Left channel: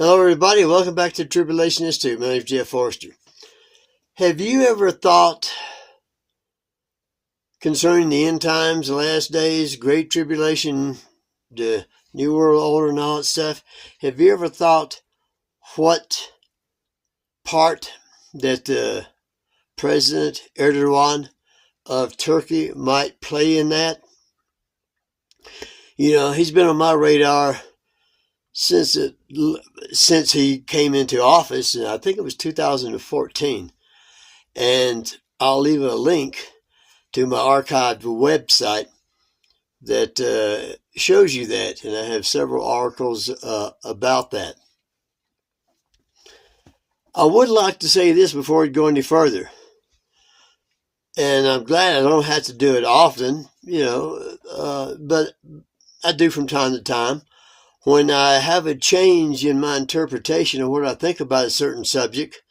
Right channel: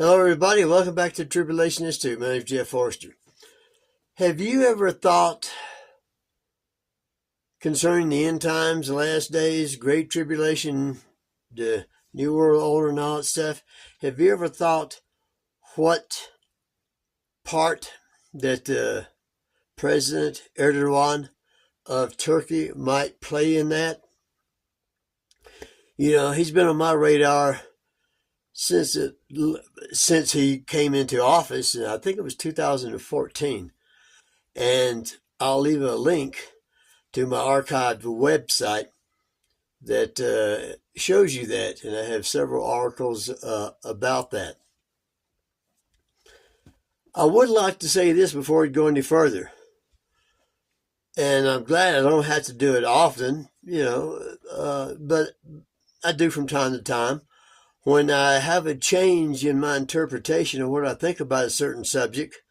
Hello, everybody. Welcome back to Tribulation Institute. My name is Jeff Forrester. Have you ever thought concerning the end times, the last days, Great Tribulation, the New World Order, and all that stuff? Have you ever thought what part that the President Erdogan of Turkey might play in that? You know, he's been on my radar since he came into office, and I think it was 2014. And I'll leave a link to my archived website that shows you that, and I have several articles about that. I would like to say this before we go any further, and I'm glad I don't have to do it often, but I do from time to time. When I have a change in my interpretation of what I think about a certain subject,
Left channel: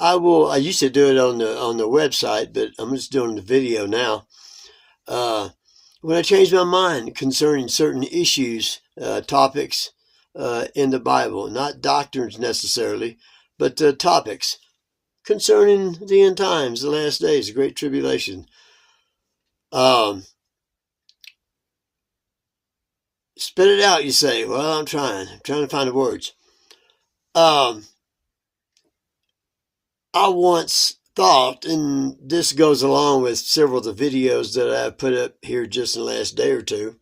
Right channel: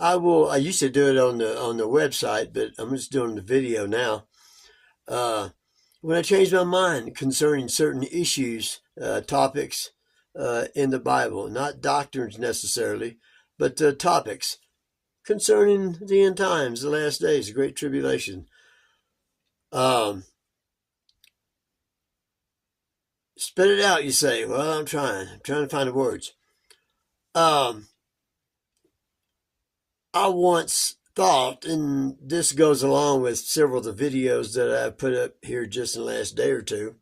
I used to do it on the website, but I'm just doing the video now. When I change my mind concerning certain issues, topics in the Bible, not doctrines necessarily, but topics concerning the end times, the last days, the Great Tribulation. Spit it out, you say. Well, I'm trying to find the words. I once thought, and this goes along with several of the videos that I've put up here just in the last day or two,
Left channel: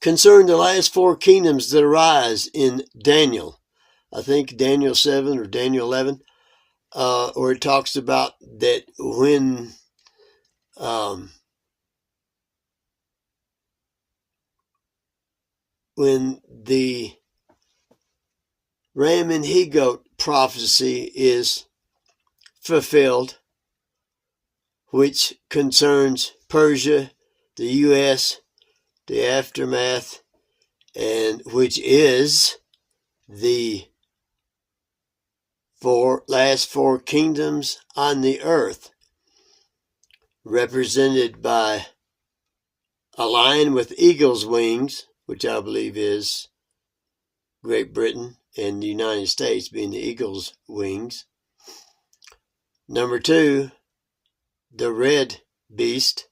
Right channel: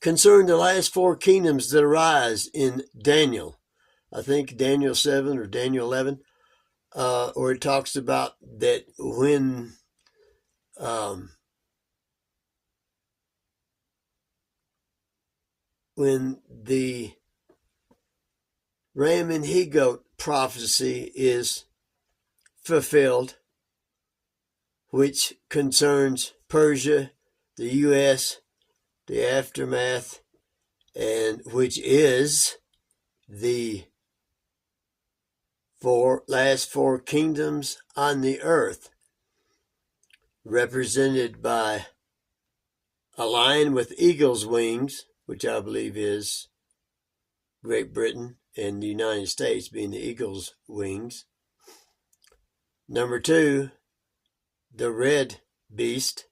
concerning the last four kingdoms that arise in Daniel. I think Daniel 7 or Daniel 11, where it talks about that when the ram and he-goat prophecy is fulfilled, which concerns Persia, the U.S., the aftermath, and which is the last four kingdoms on the earth, represented by a lion with eagle's wings, which I believe is Great Britain and the United States being the eagle's wings. Number two, the red beast.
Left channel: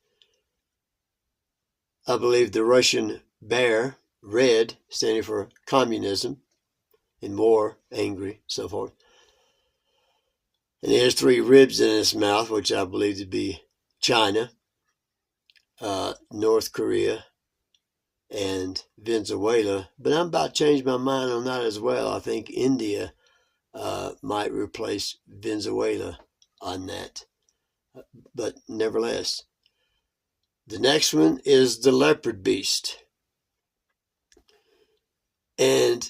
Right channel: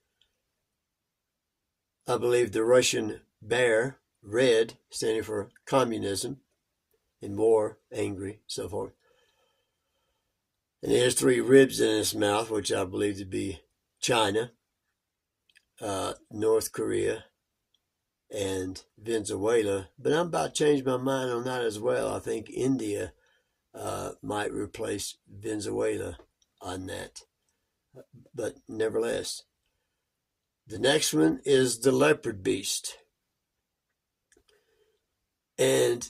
I believe the Russian bear, red, standing for communism and war, angry, so forth. And he has three ribs in his mouth, which I believe to be China, North Korea, and Venezuela. But I'm about to change my mind on that as well. I think India might replace Venezuela on that. But nevertheless, the next one is the leopard beast. And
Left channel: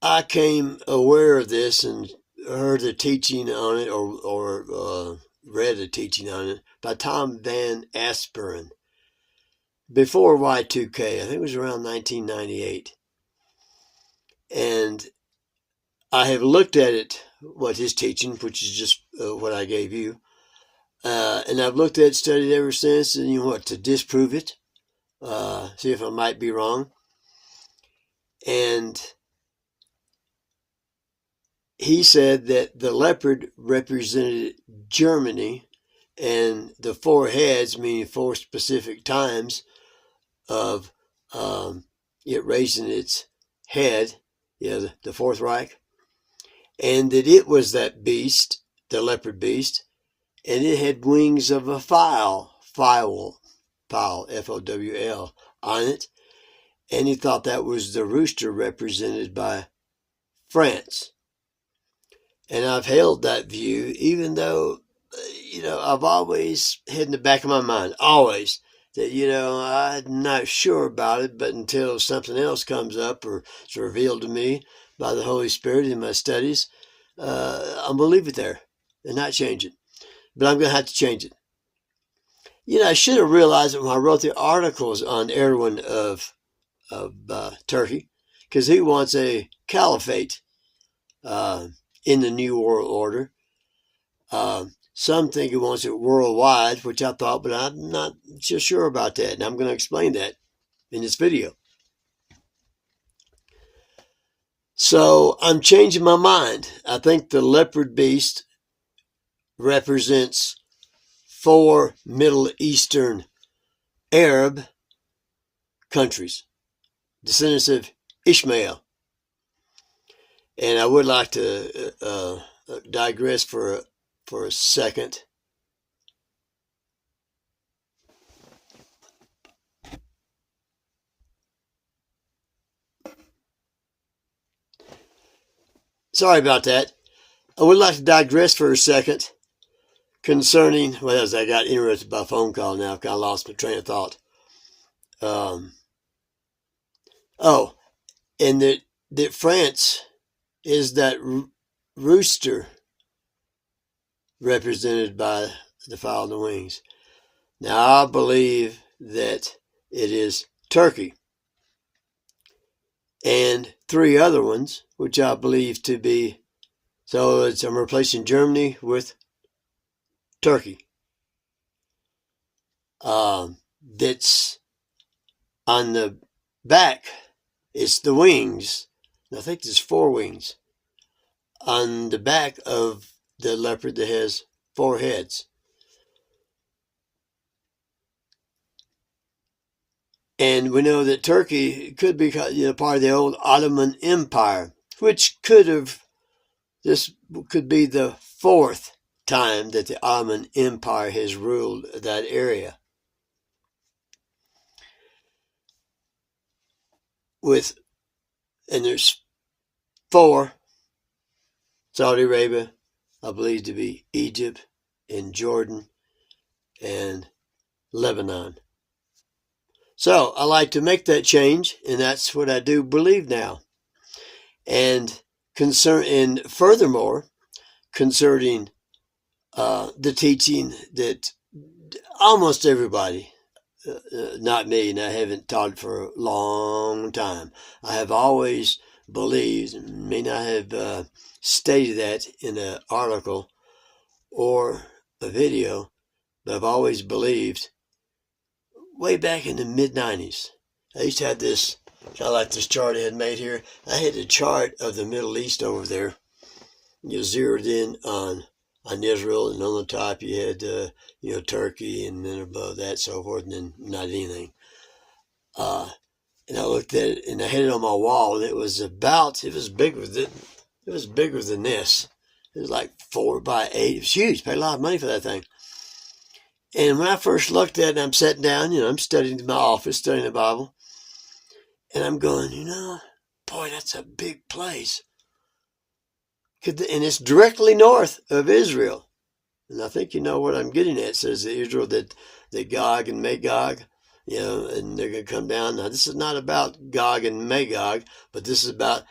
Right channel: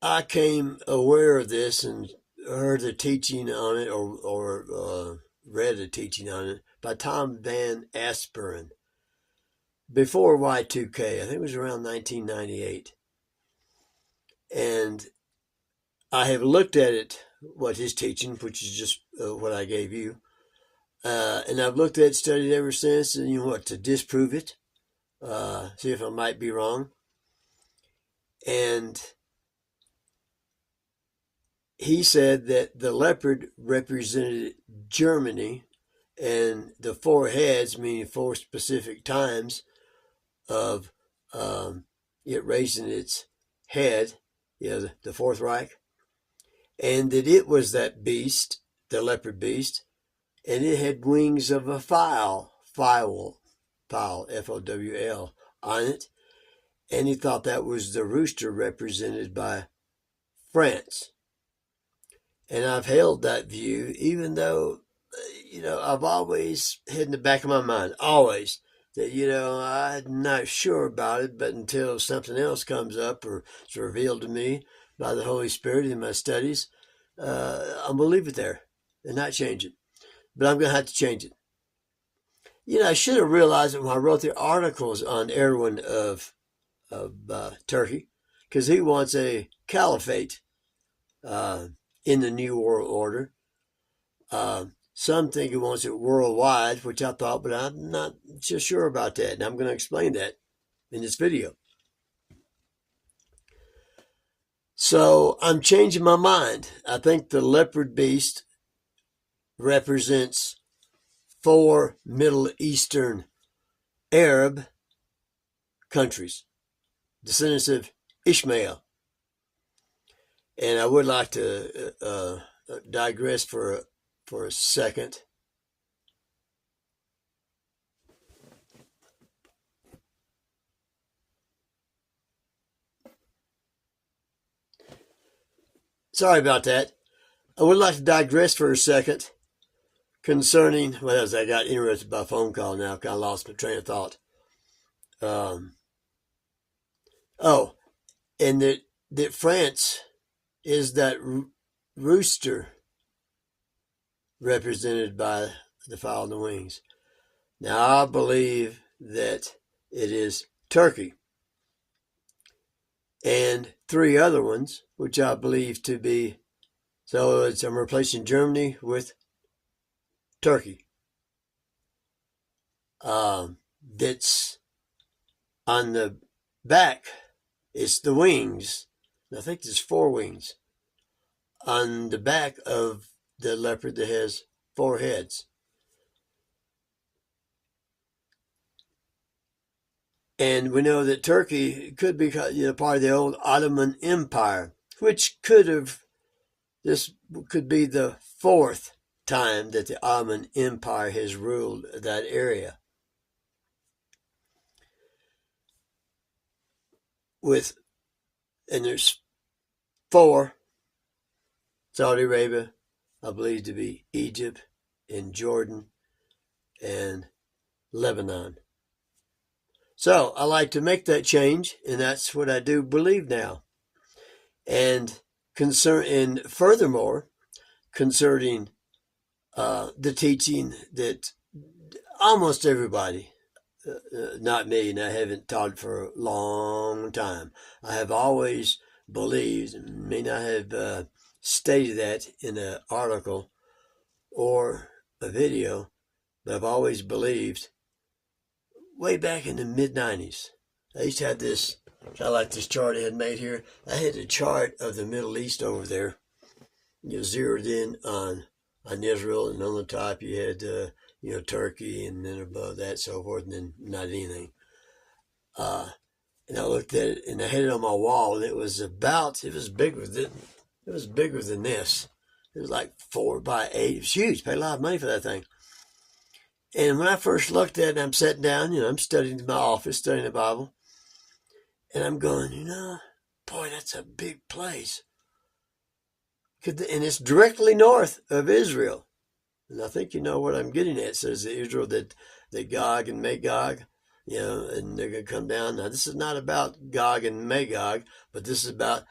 I came aware of this and heard a teaching on it or read a teaching on it by Tom Van Asperen before Y2K. I think it was around 1998. And I have looked at it, what his teaching, which is just what I gave you. And I've looked at it, studied ever since, and to disprove it, see if I might be wrong. And he said that the leopard represented Germany, and the four heads, meaning four specific times of it raising its head, the Fourth Reich, and that it was that beast, the leopard beast, and it had wings of a fowl, F-O-W-L, on it, and he thought that was the rooster represented by France. And I've held that view, even though, I've always had in the back of my mind, always, that, I'm not sure about it, but until something else comes up or it's revealed to me by the Holy Spirit in my studies, I'm going to leave it there and not change it. But I'm going to have to change it. I should have realized it when I wrote the articles on Erdogan of Turkey, because he wants a caliphate in the New World Order. Some think he wants it worldwide, which I thought, but I'm not so sure about that. And I'm going to explain that in this video. So I'm changing my mind. I think the leopard beast represents 4 Middle Eastern Arab countries, descendants of Ishmael. And I would like to digress for a second. Sorry about that. I would like to digress for a second concerning, well, as I got interrupted by a phone call now, I've kind of lost my train of thought. And that France is that rooster represented by the fowl on the wings. Now, I believe that it is Turkey and 3 other ones, which I believe to be, so I'm replacing Germany with Turkey. That's on the back. It's the wings. I think there's 4 wings on the back of the leopard that has 4 heads. And we know that Turkey could be part of the old Ottoman Empire, which this could be the 4th time that the Ottoman Empire has ruled that area. And there's 4, Saudi Arabia, I believe to be Egypt and Jordan and Lebanon. So I like to make that change, and that's what I do believe now. And furthermore, concerning the teaching that almost everybody, not me, and I haven't taught for a long time, I have always believed, may not have stated that in an article or a video, but I've always believed, way back in the mid-90s, I used to have this, kind of like this chart I had made here. I had a chart of the Middle East over there. You zeroed in on Israel, and on the top you had Turkey, and then above that, so forth, and then not anything. And I looked at it, and I had it on my wall, and it was bigger than this. It was like 4x8. It was huge. Paid a lot of money for that thing. And when I first looked at it, I'm sitting down, I'm studying in my office, studying the Bible, and I'm going, boy, that's a big place. And it's directly north of Israel. And I think you know what I'm getting at. It says that Israel, that Gog and Magog, and they're going to come down. Now, this is not about Gog and Magog, but this is about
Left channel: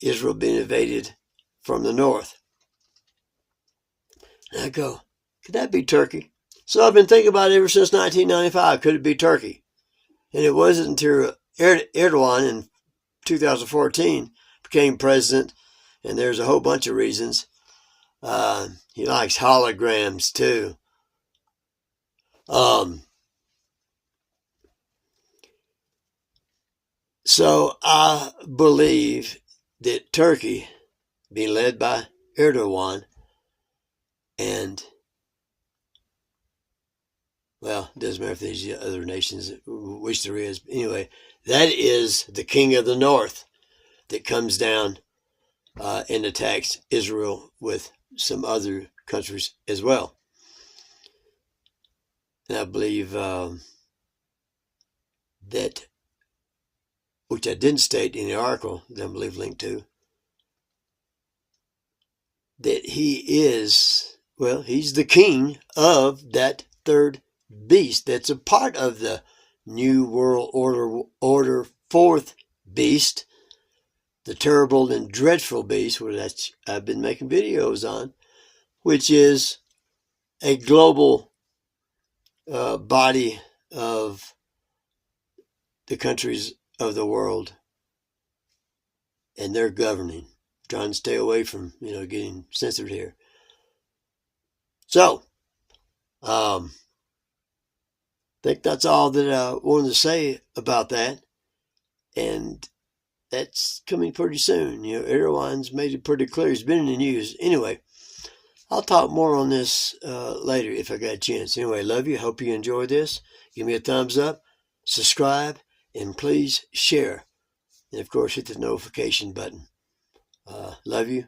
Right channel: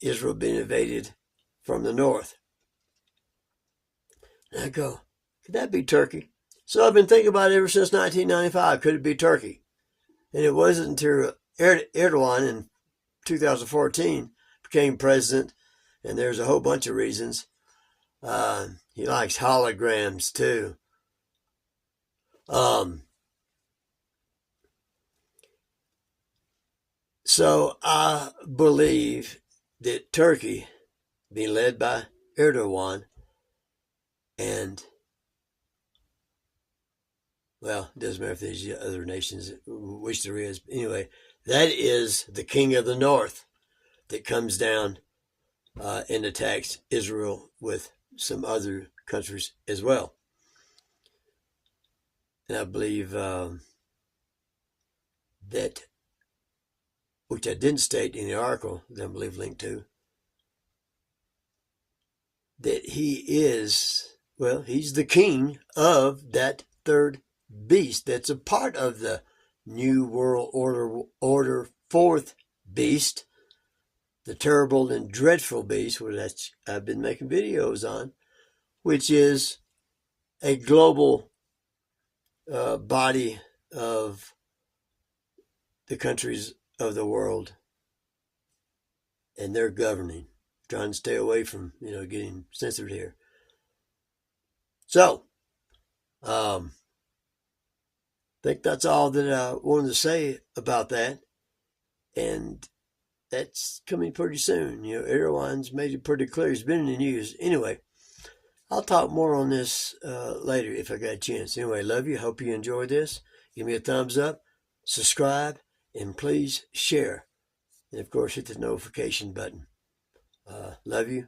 Israel being invaded from the north. And I go, could that be Turkey? So I've been thinking about it ever since 1995. Could it be Turkey? And it wasn't until Erdogan in 2014 became president, and there's a whole bunch of reasons. He likes holograms too. So I believe that Turkey, being led by Erdogan, and, well, it doesn't matter if there's other nations, which there is. Anyway, that is the king of the north that comes down and attacks Israel with some other countries as well. And I believe that, which I didn't state in the article that I believe linked to, that he's the king of that 3rd beast that's a part of the New World Order 4th beast, the terrible and dreadful beast, which I've been making videos on, which is a global body of the countries of the world, and they're governing, trying to stay away from getting censored here. So I think that's all that I wanted to say about that. And that's coming pretty soon. You know, Erdogan's made it pretty clear. He's been in the news. Anyway, I'll talk more on this later if I got a chance. Anyway, love you. Hope you enjoy this. Give me a thumbs up, subscribe, and please share. And, of course, hit the notification button. Love you.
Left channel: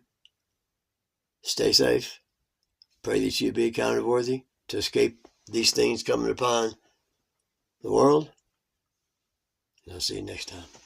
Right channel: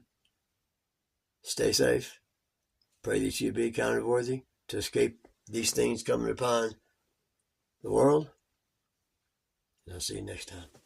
Stay safe. Pray that you be counted worthy to escape these things coming upon the world. And I'll see you next time.